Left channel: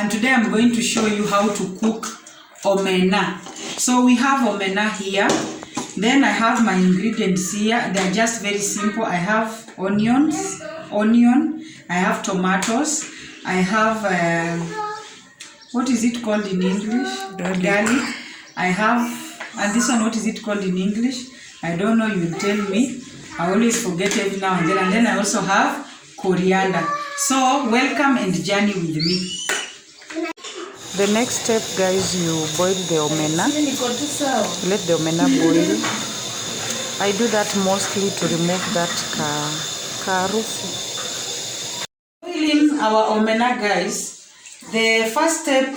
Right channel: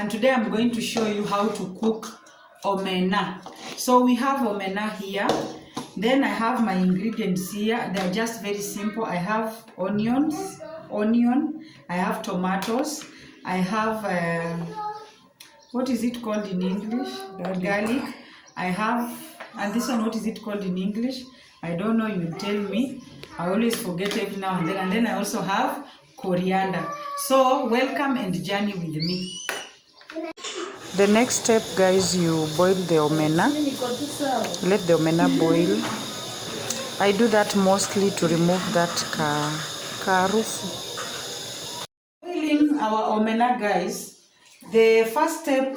and today I'm going to show you how to cook omena. So we have omena here, then I have my ingredients here. They're just very simple. I have onion, I have tomatoes, I have what is it called in English? Garlic. I have, and this one, what is it called in English? I don't know, you tell me. I always forget every now and then I also have coriander. So welcome and journey with me. The next step, guys, you boil the omena. Let the omena boil. I do that mostly to remove that karufu. Boiling our omena, guys. The first step,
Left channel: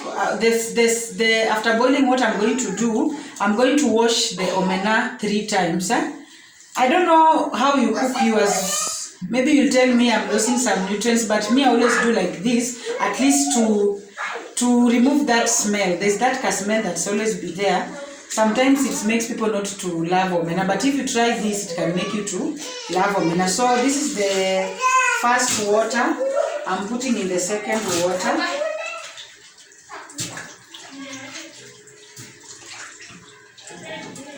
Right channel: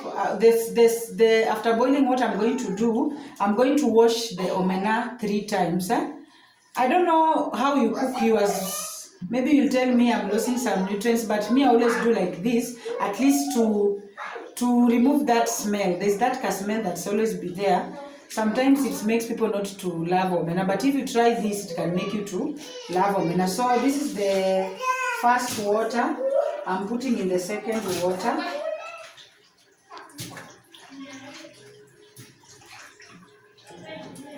after boiling, what I'm going to do, I'm going to wash the omena 3 times. I don't know how you cook yours. Maybe you'll tell me I'm losing some nutrients, but me, I always do like this, at least to remove that smell. There's that smell that's always be there. Sometimes it makes people not to love omena, but if you try this, it can make you to love omena. So this is the first water. I'm putting in the second water.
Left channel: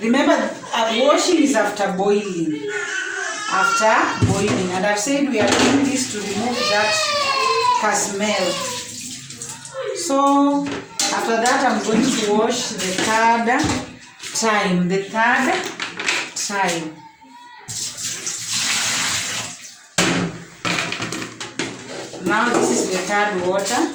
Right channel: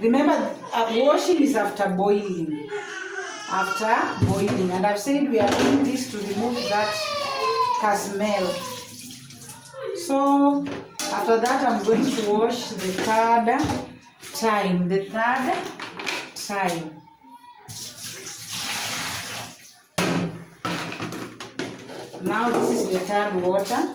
Remember, washing is after boiling. After boiling. And I've said we are doing this to remove that smell. So, after that, I'm going to wash the third time. Now, this is the third water.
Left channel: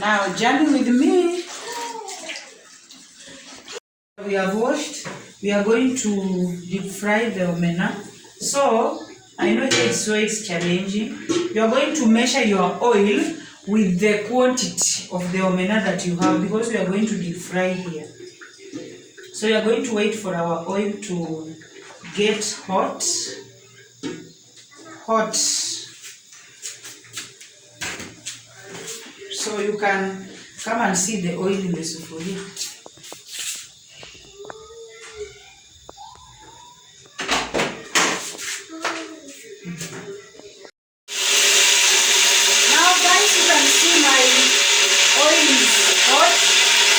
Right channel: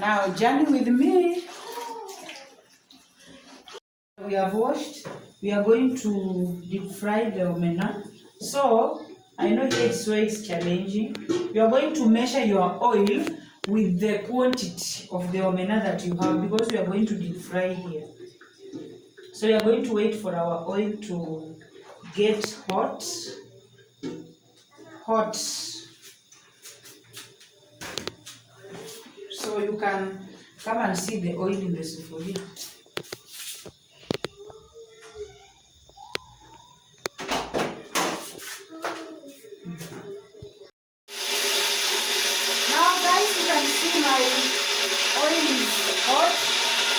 Now, journey with me. We have washed. We are going to deep fry the omena. So, I know it's always challenging. You are going to measure your oil with the quantity of the omena that you have, because we are going to deep fry here. So, we are going to wait for our oil to get hot. So you can come and see the oil in the sufuria. Now guys, you can see my oil is hot.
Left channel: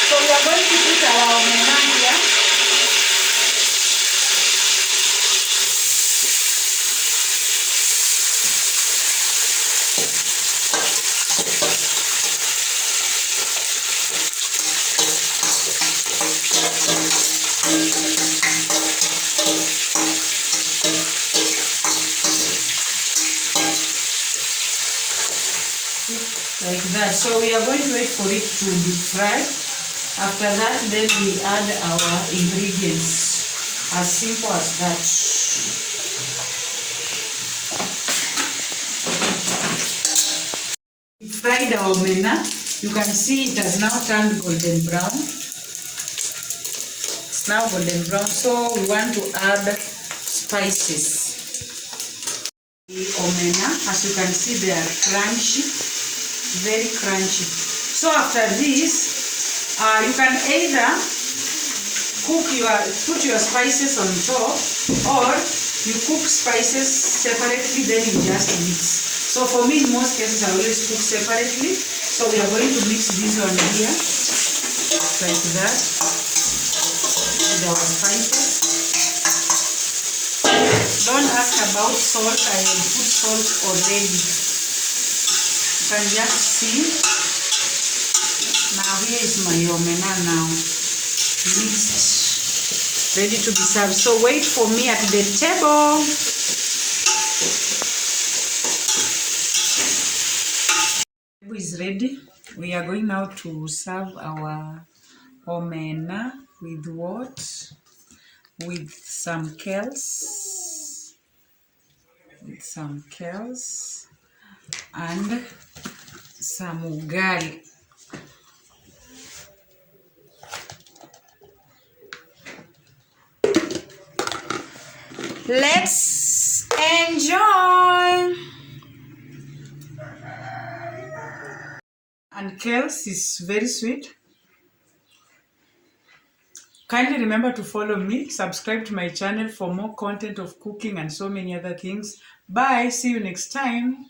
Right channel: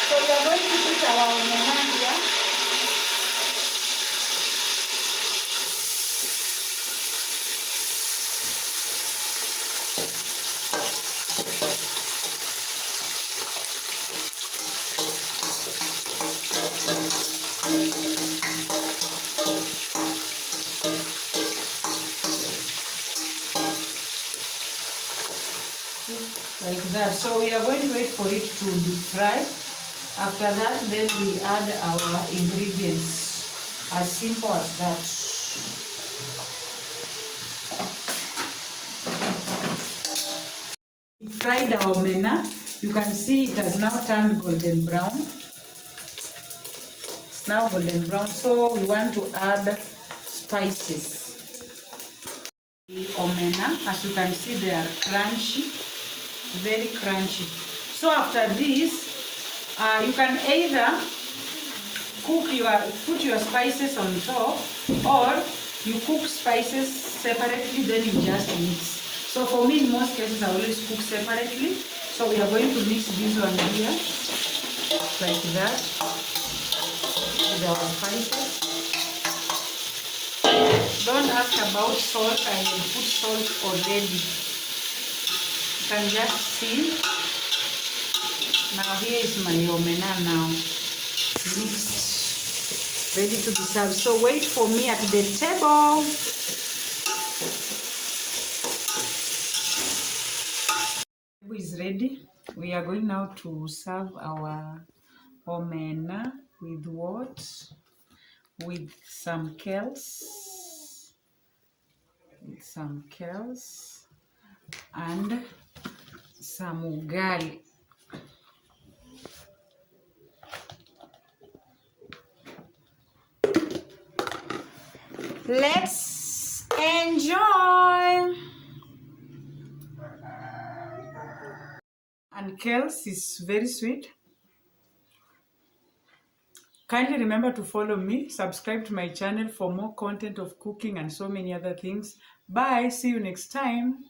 So we are going to put our omena here. Like that. So we are going to wait for it to deep fry. After that, then we add our ingredients. As simple as that. Fried our omena. You can see it has now turned golden brown. It's now golden brown. So we want to add spices. The omena, as you can see, they are crunchy. Very crunchy. So after this, you can either put your spices on top, or you cook spices separately, then you just mix. So for me, in most cases, I always cook separately. So we are going to mix this one here, like that, with our spices. Don't ask about salt. I will put salt already. You can just see. Now here is my omena now mixed, ready to be served. So wait for me at the table. The table is ready. We are going now to serve our omena with what? With some kales. And some ugali. Let's enjoy. And kales is very sweet. Kindly remember to follow me, subscribe to my channel for more content of cooking and so many other things. Bye, see you next time.